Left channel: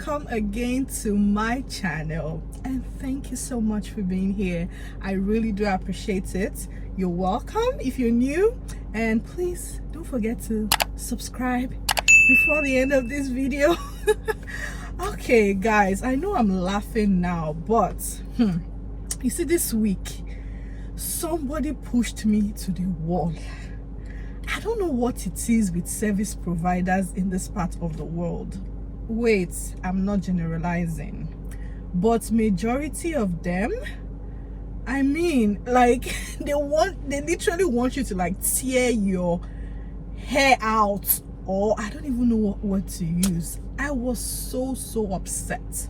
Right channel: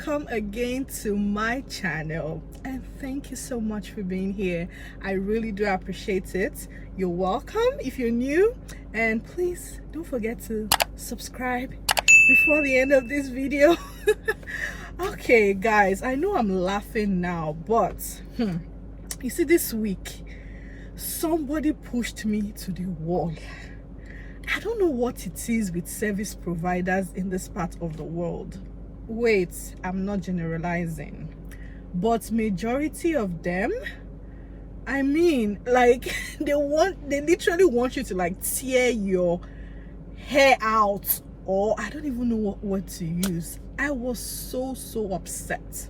welcome again to my channel, and thank you so much for being here. I really do appreciate it. You're welcome if you're new, and please don't forget to subscribe before the end of this video. Okay guys, I know I'm laughing now, but you see, this week somebody pushed me to the wall. I don't know what it is with service providers in this part of the world. Wait, I'm not generalizing, but majority of them, I mean, like, they literally want you to like tear your hair out, or I don't even know what word to use. I was so upset.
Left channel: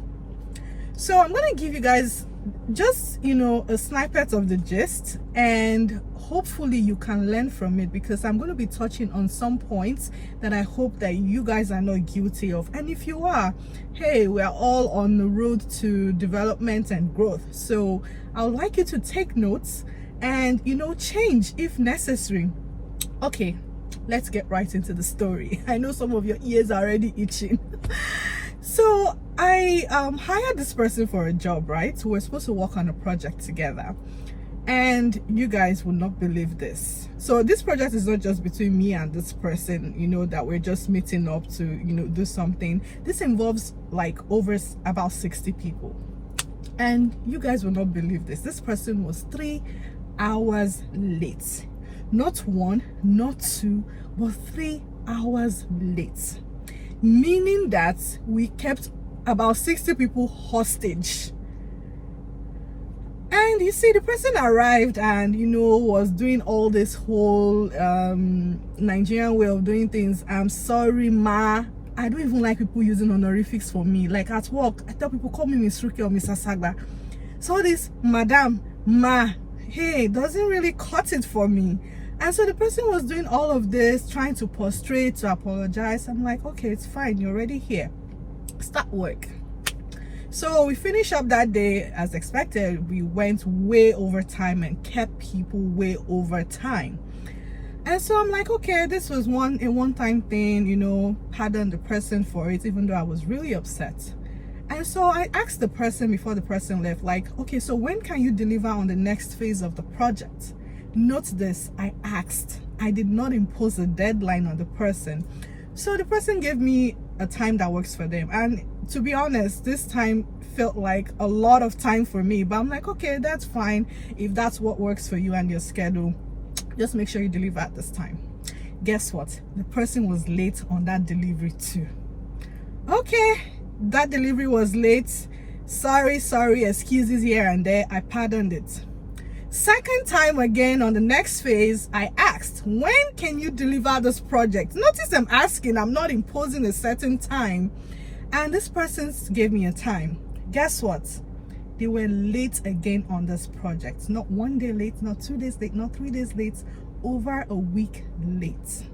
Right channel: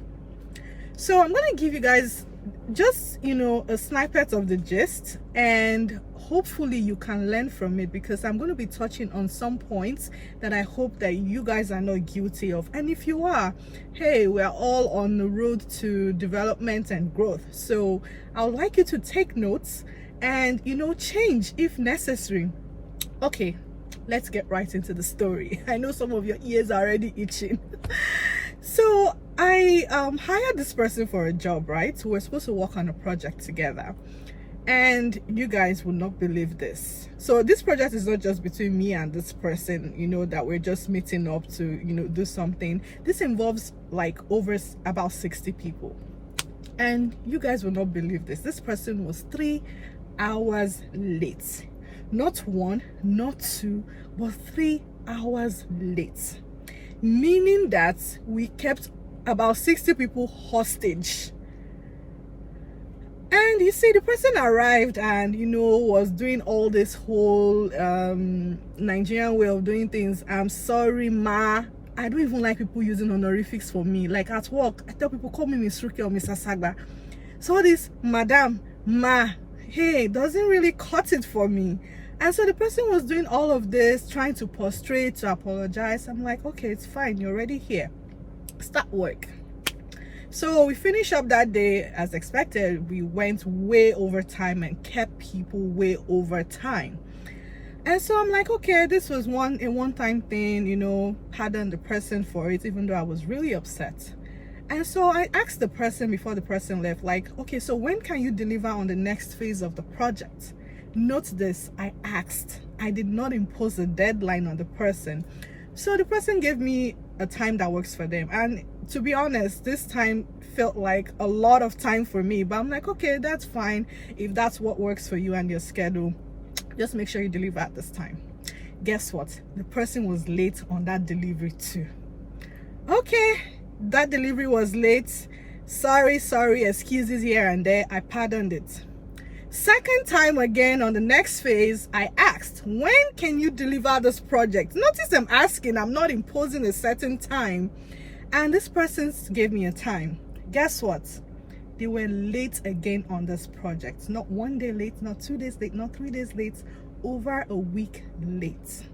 So I'm gonna give you guys just, a snippet of the gist, and hopefully you can learn from it, because I'm going to be touching on some points that I hope that you guys are not guilty of. And if you are, hey, we're all on the road to development and growth. So I would like you to take notes and, change if necessary. Okay, let's get right into the story. I know some of your ears are already itching. So I hired this person for a job, right? We're supposed to work on a project together. And you guys will not believe this. So this project is not just between me and this person, that we're just meeting up to, do something. This involves like over about 60 people. And you guys will not believe this. This person was 3 hours late. Not 1, not 2, but 3 hours late. Meaning that we kept about 60 people hostage. And you see, the person arrived and was doing all this whole Nigerian way of doing things. I'm sorry, ma, I don't even like people using honorifics for me. Like at work, I tell people, call me Miss Ruki or Mr. Sagba. So this madam, ma, hey, doesn't really cut it for me. And so the person was doing all of this, trying to prostrate, to apologize. I'm like, okay, it's fine, you're already here, start work. So we finished up that day as expected. We went way over time and kept people way over time. And so I'm like, okay, this was a one-time thing, pardon the person for it, even though I was really upset. And so I asked the person before the person left, like, okay, so when can you deliver on the next phase of the project? Note this, I asked. I did not impose a deadline on the person. So the person gave me a time that works for them. And to be honest, this time felt like a lot of time for me. But I'm like, okay, that's fine. If that's what works for you and your schedule, just make sure you deliver at this time. Guess what? The person was late on that delivery too. Okay, that delivery was late. Sorry, excuses here and there. I pardoned it. Second time again, on the next phase, I asked, when can you deliver this project? Notice I'm asking, I'm not imposing a certain time. And this person gave me a time. Guess what? They were late again on this project. Not 1 day late, not 2 days late, not 3 days late, over a week late.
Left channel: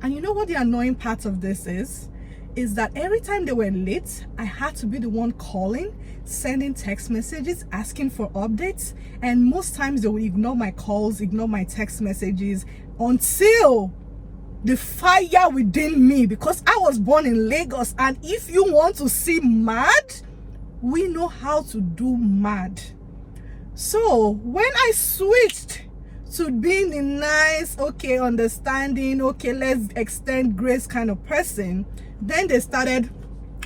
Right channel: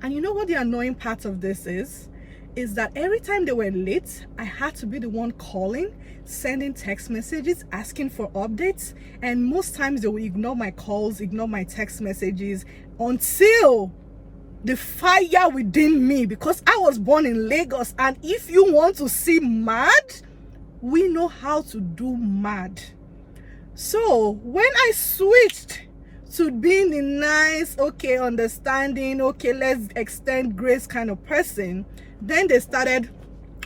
And you know what the annoying part of this is that every time they were late, I had to be the one calling, sending text messages, asking for updates. And most times they will ignore my calls, ignore my text messages, until the fire within me, because I was born in Lagos, and if you want to see mad, we know how to do mad. So when I switched to being the nice, okay, understanding, okay, let's extend grace kind of person, then they started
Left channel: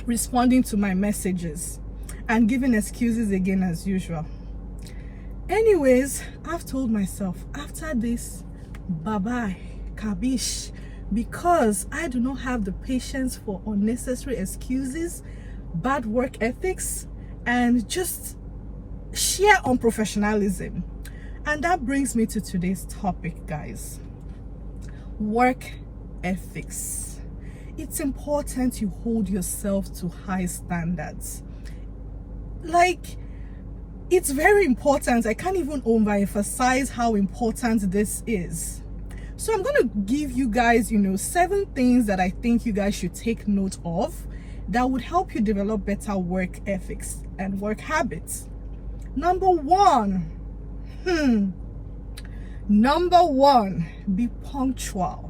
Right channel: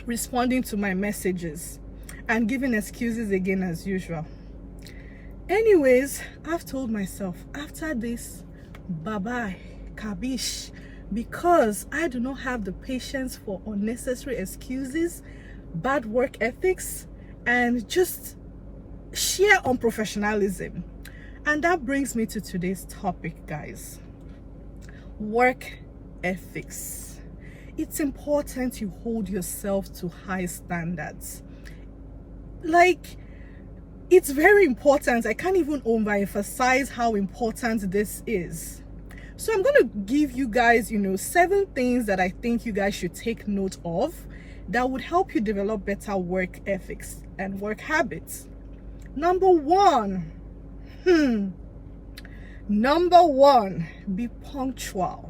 responding to my messages and giving excuses again as usual. Anyways, I've told myself, after this, bye-bye, kabish, because I do not have the patience for unnecessary excuses, bad work ethics, and just sheer unprofessionalism. And that brings me to today's topic, guys. Work ethics. It's important you hold yourself to high standards. Like, it's very important. I can't even overemphasize how important this is. So I'm going to give you guys, 7 things that I think you guys should take note of that would help you develop better work ethics and work habits. Number one, be punctual.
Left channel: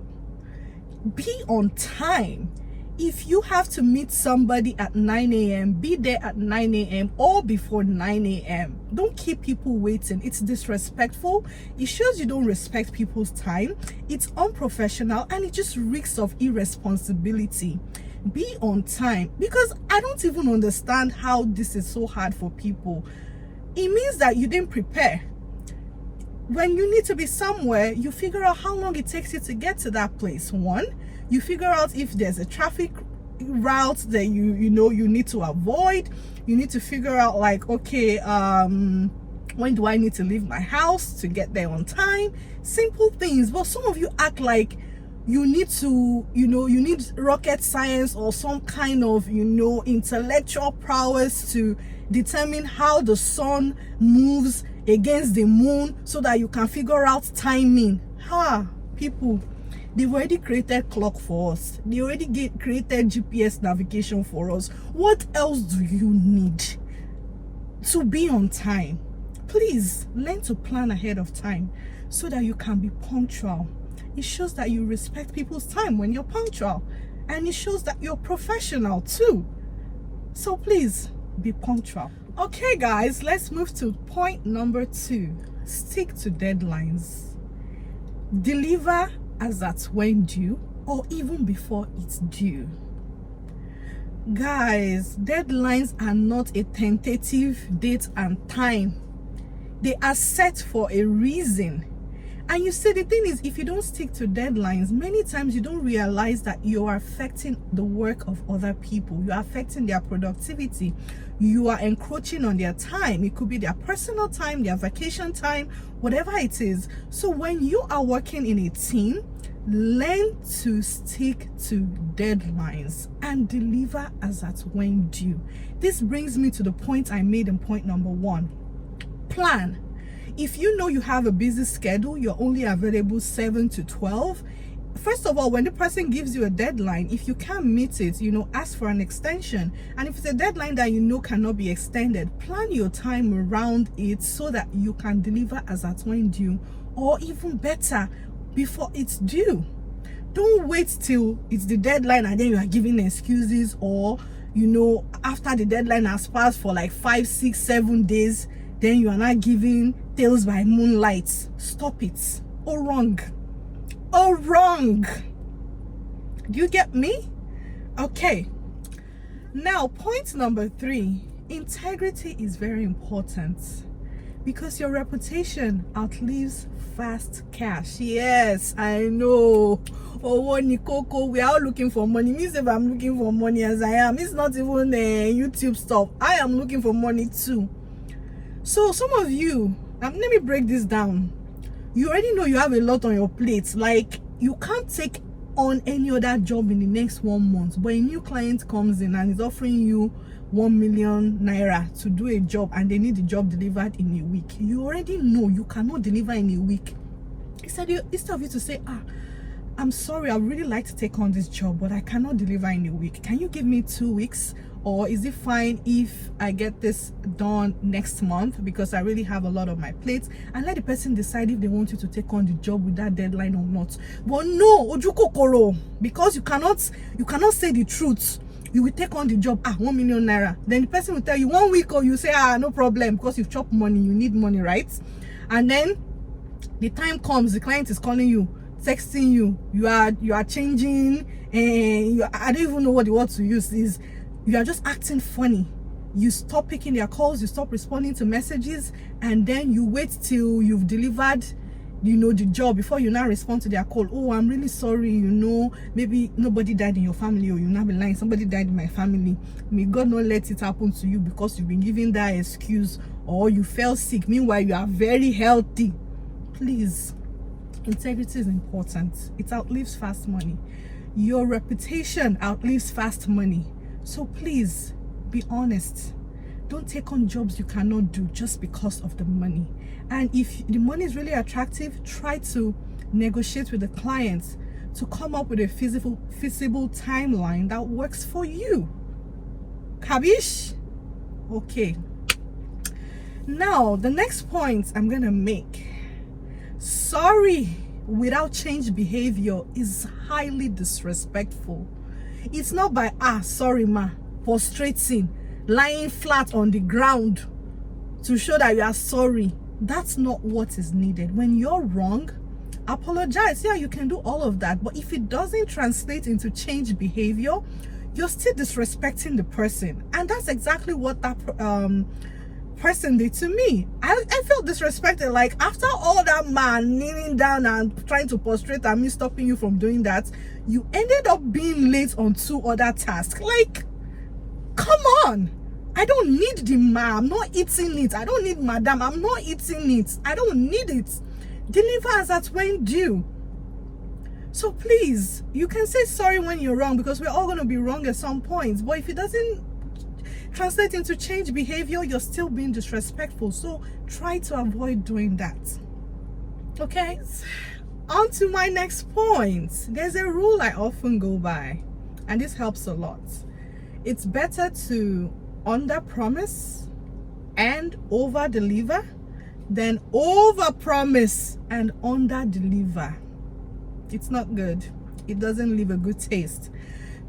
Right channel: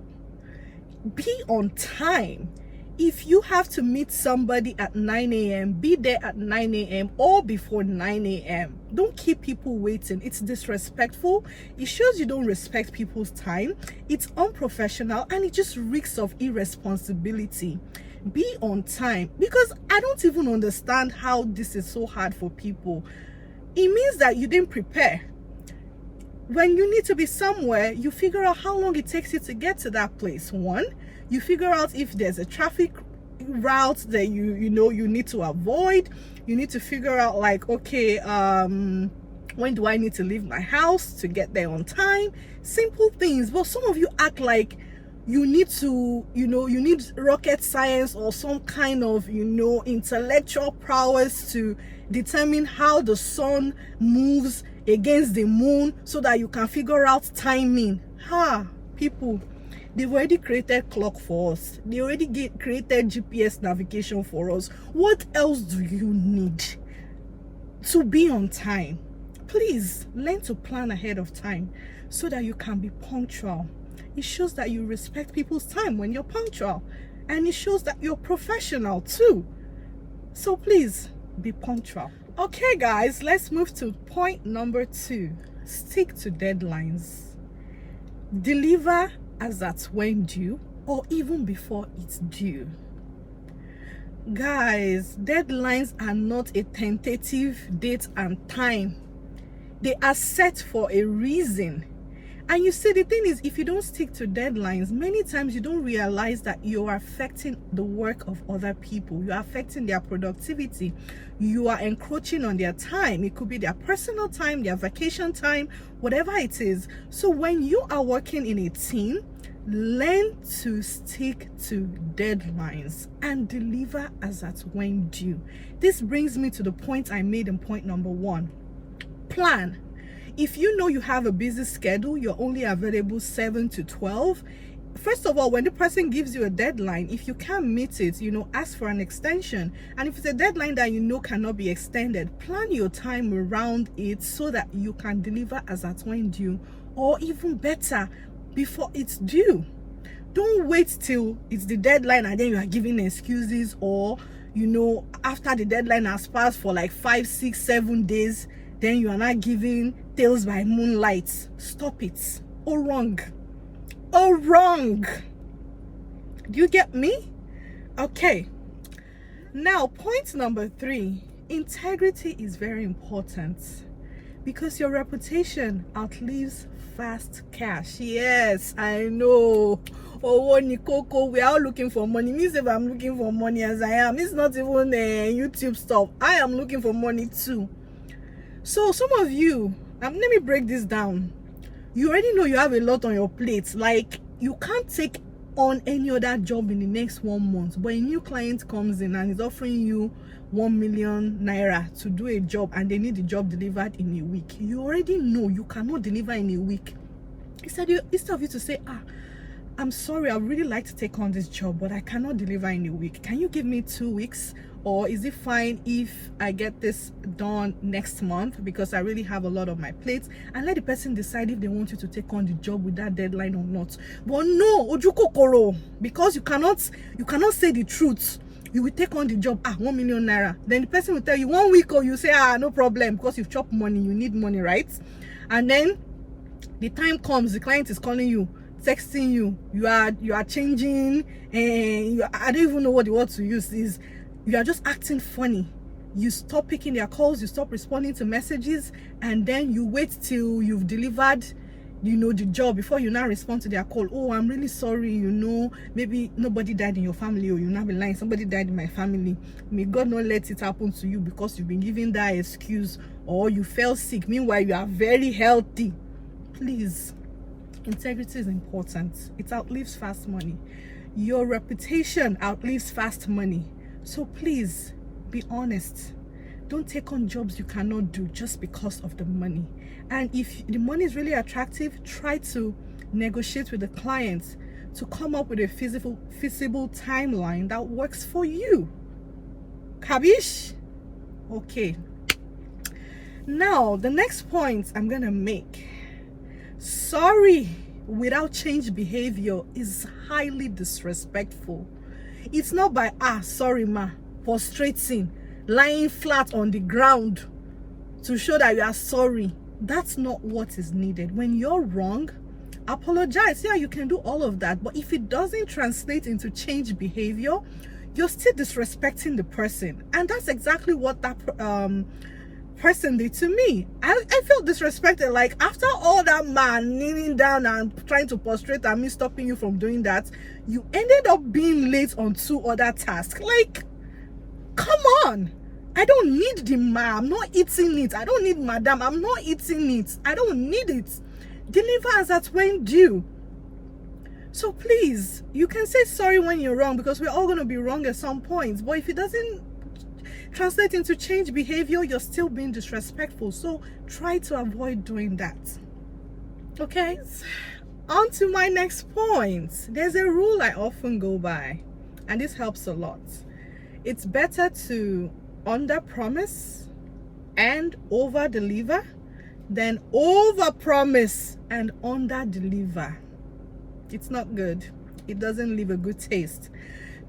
Be on time. If you have to meet somebody at 9 a.m., be there at 9 a.m. or before 9 a.m. Don't keep people waiting. It's disrespectful. It shows you don't respect people's time. It's unprofessional, and it just reeks of irresponsibility. Be on time, because I don't even understand how this is so hard for people. It means that you didn't prepare. When you need to be somewhere, you figure out how long it takes you to get to that place. One, you figure out if there's a traffic route that you know you need to avoid. You need to figure out, like, okay, when do I need to leave my house to get there on time? Simple things. But some of you act like you need to, you need rocket science or some kind of, intellectual prowess to determine how the sun moves against the moon so that you can figure out timing. People, they've already created clock for us. They already created GPS navigation for us. What else do you need to be on time? Please learn to plan ahead of time so that you can be punctual. It shows that you respect people's time when you're punctual, and it shows that you're professional too. So please be punctual. Okay guys, let's move to point number 2. Stick to deadlines. Deliver as at when due, or even before it's due. Guys, deadlines are not a tentative date and time. They are set for a reason. And you see, the thing is, if you don't stick to deadlines, many times you don't realize that you are affecting the work of other people. You are affecting their productivity. You are encroaching on their time. It could be their personal time, their vacation time, whatever it is. So when you are working in a team, learn to stick to deadlines and deliver as at when due. This brings me to the point I made in point number 1. Plan. If you know you have a busy schedule, you're only available 7 to 12. First of all, when the person gives you a deadline, if you can't meet it, ask for an extension. And if it's a deadline that cannot be extended, plan your time around it so that you can deliver as at when due, or even better, before it's due. Don't wait till it's the deadline and then you are giving excuses, or after the deadline has passed for like 5, 6, 7 days, then you are not giving tales by moonlight. Stop it. Oh, wrong. Do you get me? Okay. Now, point number 3. Integrity is very important, because your reputation outlives fast cash. Yes, I know. Oh, Nikoko, we are all looking for money. Means if I'm looking for money as I am, it's not even YouTube stuff. I am looking for money too. So some of you, let me break this down. You already know you have a lot on your plate. Like, you can't take on any other job in the next 1 month, but a new client comes in and is offering you 1 million naira to do a job, and they need the job delivered in a week. You already know you cannot deliver in a week. Instead of you to say, I'm sorry, I would really like to take on this job, but I cannot deliver in a week. Can you give me 2 weeks? Or is it fine if I get this done next month, because I really have a lot on my plate? And let the person decide if they want you to take on the job with that deadline or not. But no, Ojukokoro, because you cannot say the truth. You will take on the job, 1 million naira. Then the person will tell you 1 week, or you say, no problem, because you've chopped money, you need money, right? And then the time comes, the client is calling you, texting you, you are changing, and I don't even know what the word to use is. You are just acting funny. You stop picking their calls, you stop responding to messages, and then you wait till you've delivered, the job before you now respond to their call. Oh, I'm really sorry, maybe nobody died in your family, or you'll not be lying, somebody died in my family. May God not let it happen to you because you've been giving that excuse, or you fell sick. Meanwhile, you are very healthy. Please, integrity is important. It outlives fast money. Your reputation outlives fast money. So please be honest. Don't take on jobs you cannot do just because of the money. And if the money is really attractive, try to negotiate with the clients to come up with a feasible timeline that works for you. Kabish? Okay. Now, the next point I'm gonna make. Sorry without change behavior is highly disrespectful. It's not by sorry ma, prostrating, lying flat on the ground to show that you are sorry. That's not what is needed. When you're wrong, apologize. Yeah, you can do all of that, but if it doesn't translate into change behavior, you're still disrespecting the person. And that's exactly what that person did to me. I felt disrespected. Like, after all that man kneeling down and trying to prostrate and me stopping you from doing that, you ended up being late on 2 other tasks. Like, come on. I don't need the ma. I'm not eating it. I don't need madam. I'm not eating it. I don't need it. Deliver as at when due. So please, you can say sorry when you're wrong, because we're all going to be wrong at some points. But if it doesn't translate into change behavior, you're still being disrespectful. So try to avoid doing that. Okay? On to my next point. There's a rule I often go by, and this helps a lot. It's better to under promise and over deliver than over promise and under deliver. It's not good. It doesn't leave a good taste.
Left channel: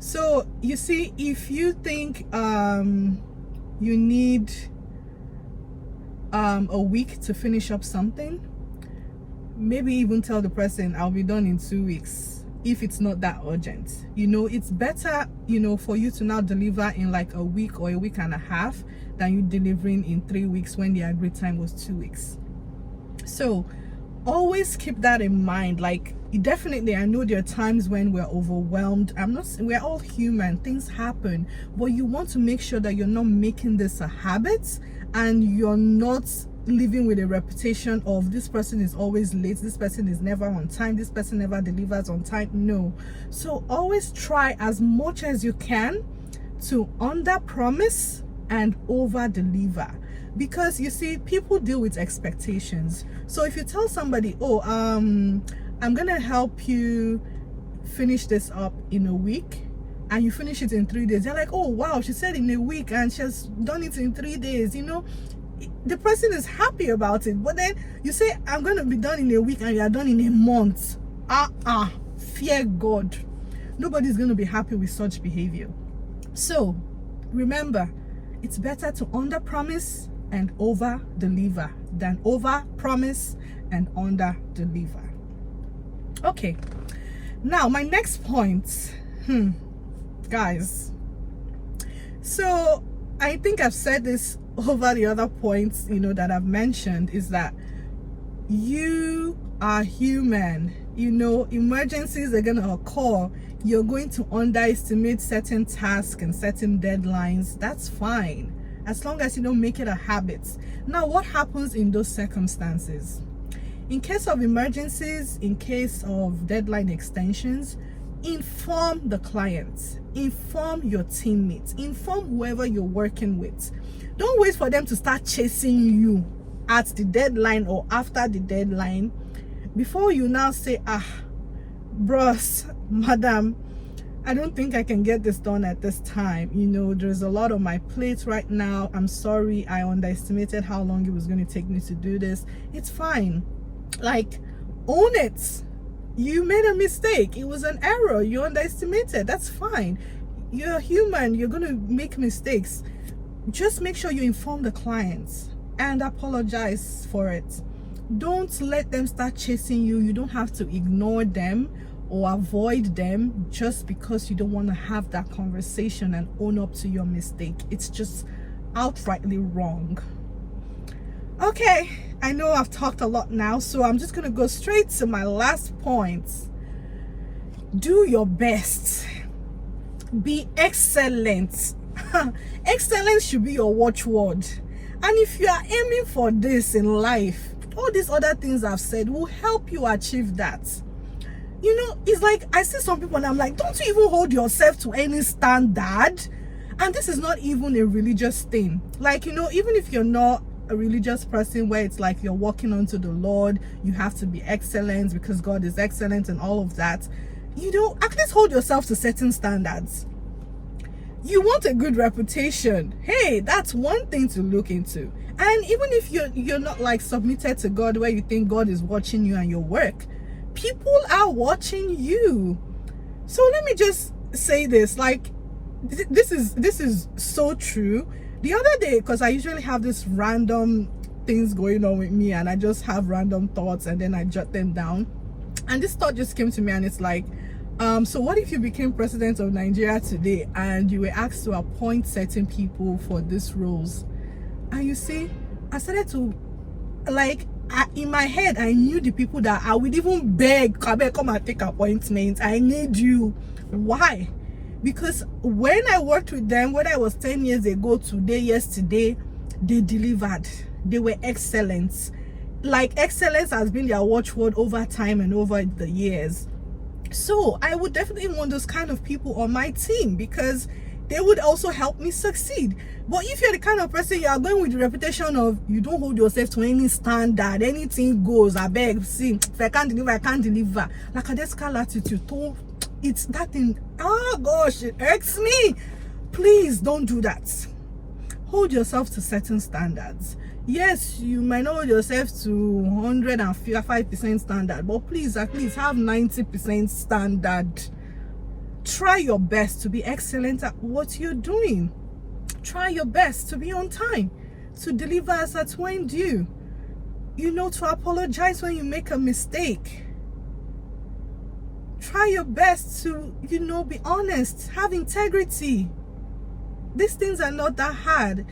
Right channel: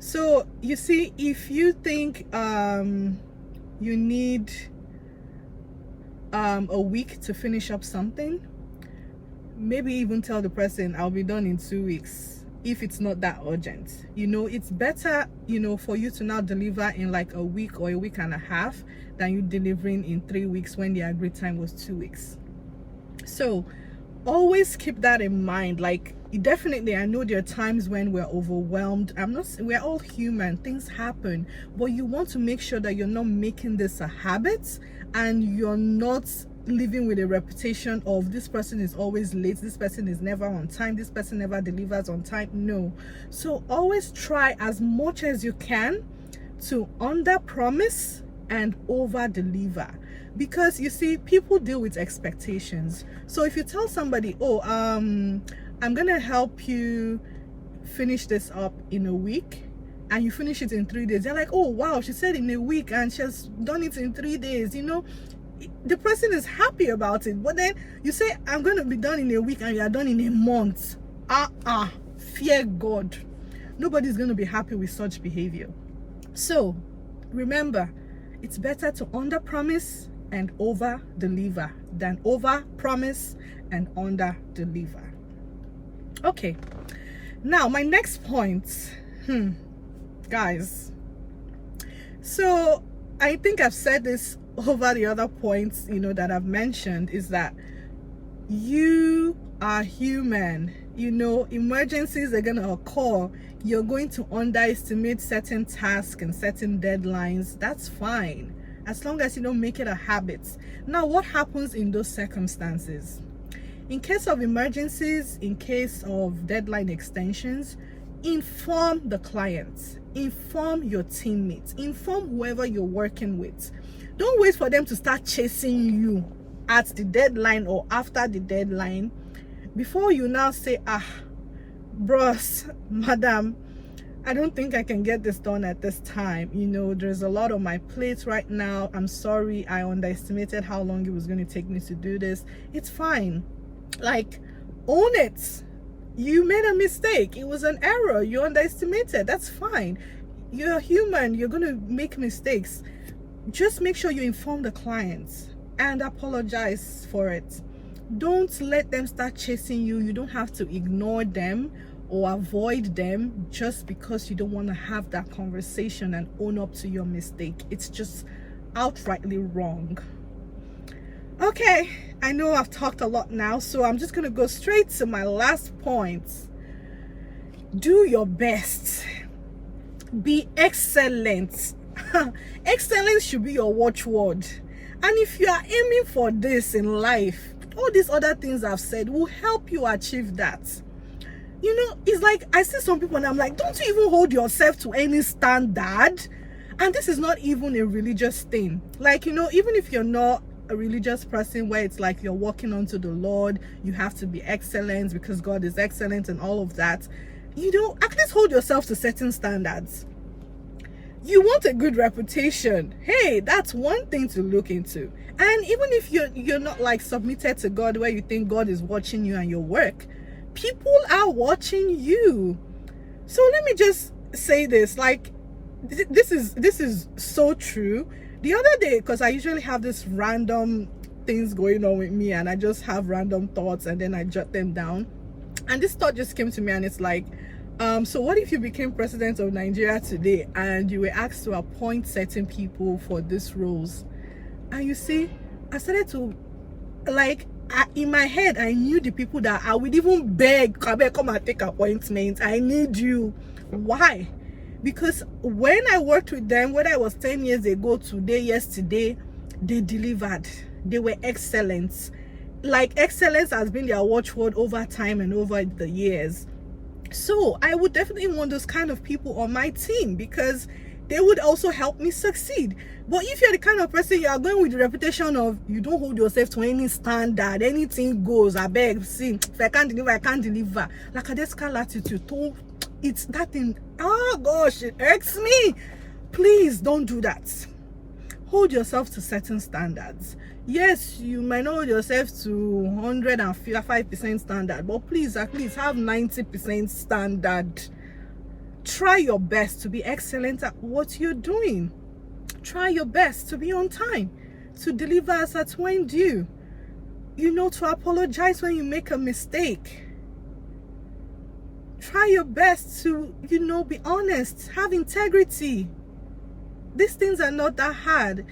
So you see, if you think you need a week to finish up something, maybe even tell the person I'll be done in 2 weeks. If it's not that urgent, it's better, for you to now deliver in like a week or a week and a half than you delivering in 3 weeks when the agreed time was 2 weeks. So always keep that in mind. Like, definitely, I know there are times when we're overwhelmed. We're all human, things happen, but you want to make sure that you're not making this a habit and you're not living with a reputation of this person is always late, this person is never on time, this person never delivers on time. No. So always try as much as you can to under promise and over deliver, because you see, people deal with expectations. So if you tell somebody, I'm gonna help you finish this up in a week, and you finish it in 3 days, they're like, oh wow, she said in a week and she has done it in 3 days. The person is happy about it. But then you say, I'm going to be done in a week, and you are done in a month. Fear God. Nobody's going to be happy with such behavior. So remember, it's better to under promise and over deliver than over promise and under deliver. Okay, now my next point, guys, so I think I've said this over the other points that I've mentioned, is that you are human. Emergencies are going to occur. You're going to underestimate certain tasks and certain deadlines. That's fine, as long as you don't make it a habit. Now, what happens in those circumstances? In case of emergencies, in case of deadline extensions, inform the clients, inform your teammates, inform whoever you're working with. Don't wait for them to start chasing you at the deadline or after the deadline before you now say, bros, madam, I don't think I can get this done at this time. There's a lot on my plate right now. I'm sorry, I underestimated how long it was going to take me to do this. It's fine. Like, own it. You made a mistake. It was an error. You underestimated. That's fine. You're human. You're going to make mistakes. Just make sure you inform the clients and apologize for it. Don't let them start chasing you. You don't have to ignore them or avoid them just because you don't want to have that conversation and own up to your mistake. It's just outrightly wrong. Okay, I know I've talked a lot now, so I'm just gonna go straight to my last point. Do your best. Be excellent. Excellence should be your watchword. And if you are aiming for this in life, all these other things I've said will help you achieve that. It's like, I see some people and I'm like, don't you even hold yourself to any standard? And this is not even a religious thing. Like, even if you're not a religious person where it's like you're walking onto the Lord, you have to be excellent because God is excellent and all of that, at least hold yourself to certain standards. You want a good reputation, hey, that's one thing to look into. And even if you're not like submitted to God, where you think God is watching you and your work, people are watching you. So let me just say this, like this is so true. The other day, because I usually have this random things going on with me, and I just have random thoughts and then I jot them down, and this thought just came to me, and it's like, so what if you became president of Nigeria today and you were asked to appoint certain people for these roles? And you see, I started to, like, in my head, I knew the people that I would even beg, come and take appointments. I need you. Why? Because when I worked with them, whether it was 10 years ago, today, yesterday, they delivered. They were excellent. Like, excellence has been their watchword over time and over the years. So I would definitely want those kind of people on my team, because they would also help me succeed. But if you're the kind of person, you are going with the reputation of you don't hold yourself to any standard, anything goes, I beg, see, if I can't deliver, I can't deliver. Like a descal attitude, it's that thing, oh gosh, it irks me. Please don't do that. Hold yourself to certain standards. Yes, you might not hold yourself to 105% standard, but please at least have 90% standard. Try your best to be excellent at what you're doing. Try your best to be on time, to deliver as at when due. You know, to apologize when you make a mistake. Try your best to, you know, be honest, have integrity. These things are not that hard.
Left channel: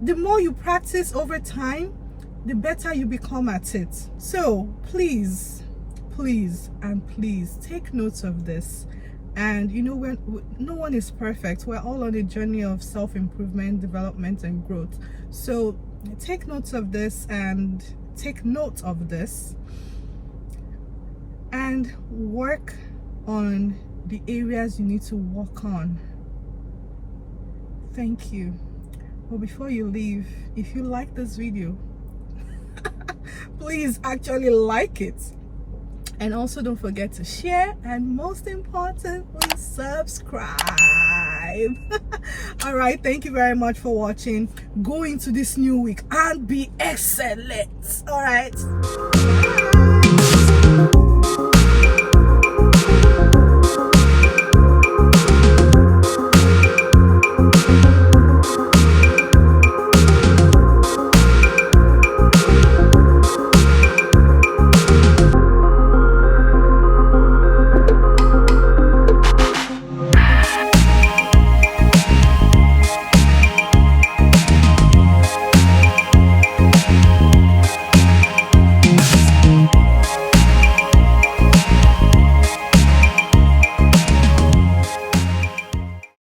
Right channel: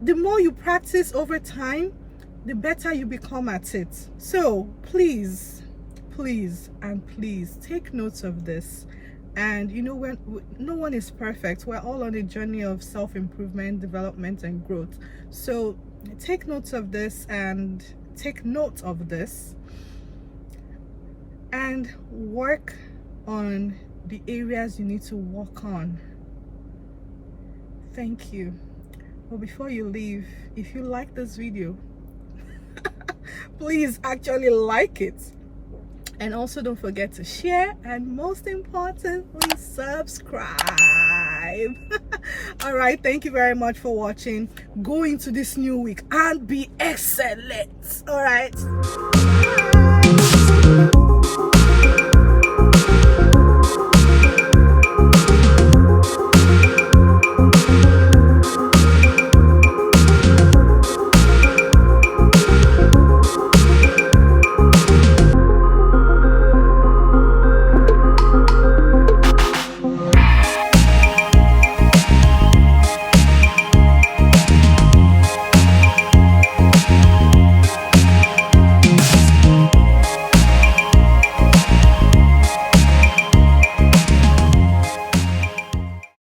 The more you practice over time, the better you become at it. So please, please, and please take notes of this. And you know, when no one is perfect, we're all on a journey of self-improvement, development, and growth. So take notes of this, and take note of this, and work on the areas you need to work on. Thank you. But before you leave, if you like this video, please actually like it. And also don't forget to share, and most importantly, subscribe. All right, thank you very much for watching. Go into this new week and be excellent. All right. Bye.